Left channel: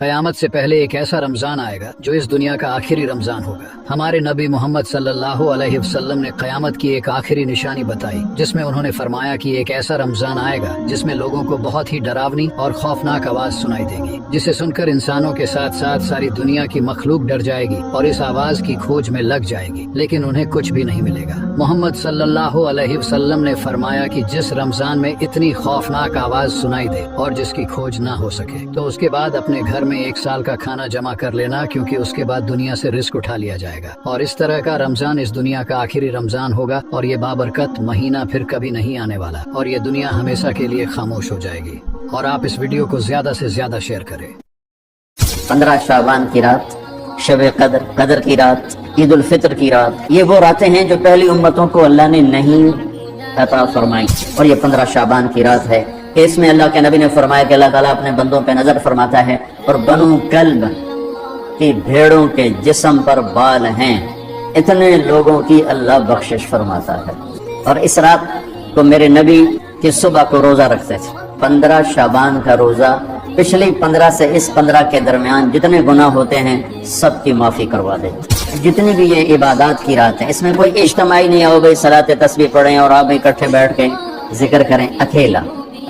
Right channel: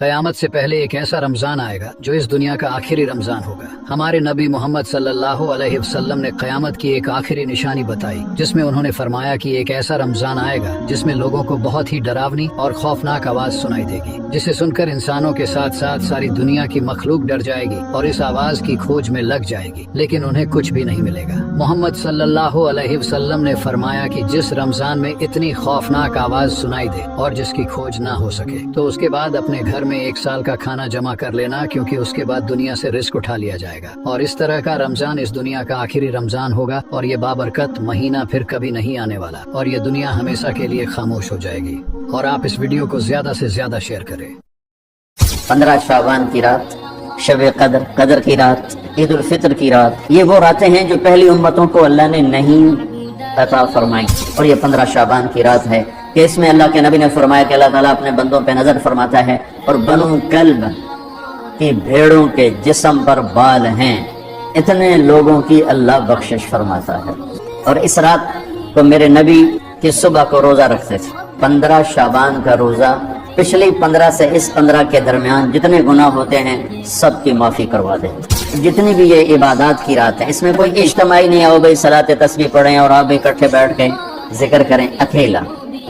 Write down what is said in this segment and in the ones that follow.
قیامت سے پہلے ایک ایسا رمضان آئے گا جو اس دنیا کا آخری رمضان ہوگا۔ ہمارے نبی محمد صلی اللہ علیہ وسلم نے قیامت کی ایک آخری نشانی بتائی، جس میں انہوں نے فرمایا کہ ایک ایسا رمضان آئے گا جس میں لوگوں کو بہت ہی ڈراونی اور خوفناک آواز سنائی دے گی، جسے سن کر انسانوں کے ساتھ ساتھ ساری دنیا کی مخلوق ڈر جائے گی اور اس آواز کی کھوج میں لگ جائے گی، لیکن انہیں کچھ بھی نہیں ملے گا۔ محمد صلی اللہ علیہ وسلم نے فرمایا کہ جس رمضان میں اتنی خوفناک آواز سنائی دے اور جس کی کھوج نہ ہو سکے تو اس کے بعد اپنے گھر میں 1 سال کا کھانا جمع کر لینا، کیونکہ اس کے بعد دنیا سے رزق اٹھا لیا جائے گا، اور اس طرح کا رمضان اس دنیا کا آخری رمضان ہوگا، اور یہ بابرکت مہینہ پھر کبھی نہیں آنے والا، اور یہ دنیا ہمیشہ کے لیے خاموش ہو جائے گی۔ اور آپ اس ویڈیو کو زیادہ سے زیادہ شیئر کریں۔ 15 شعبان کی رات، شب قدر، قدر کی رات، عید الفطر کی رات، یہ وہ راتیں ہیں جو پہلی امتوں کو اللہ نے نہیں عطا فرمائی، اور یہ 15 شعبان کی رات ہے کہ اس میں اللہ کے نبی نے فرمایا کہ اللہ تعالیٰ اپنے بندوں پہ نظر فرماتا ہے، اور بنو کلب کی بھیڑوں کے جسم پر بال ہیں، اتنے لوگوں کی اللہ بخشش فرماتا ہے۔ اور اس رات کو میرے نبی کی صبح کو روزہ رکھتے تھے، 15 شعبان کا روزہ، پچھلی 15 سے اس 15 کے درمیان جتنے گناہ ہوتے ہیں سب کی معافی کروا دے۔ جتنی بھی یہ عبادات کی رات ہے، اس میں کوئی اجتماعی نہیں آؤ بھائی صلاۃ تسبیح پڑھیں اور آپ اکٹھے بیٹھ کے ذکر کریں، اکیلا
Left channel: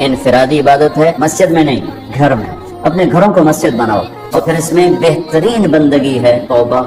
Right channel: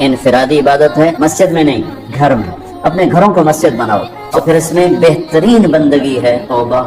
انفرادی عبادت ہے، مسجد میں نہیں، گھر میں، اپنے گھروں کو مسجد بناؤ، اور پھر اس میں بہترین بندگی ہے توبہ۔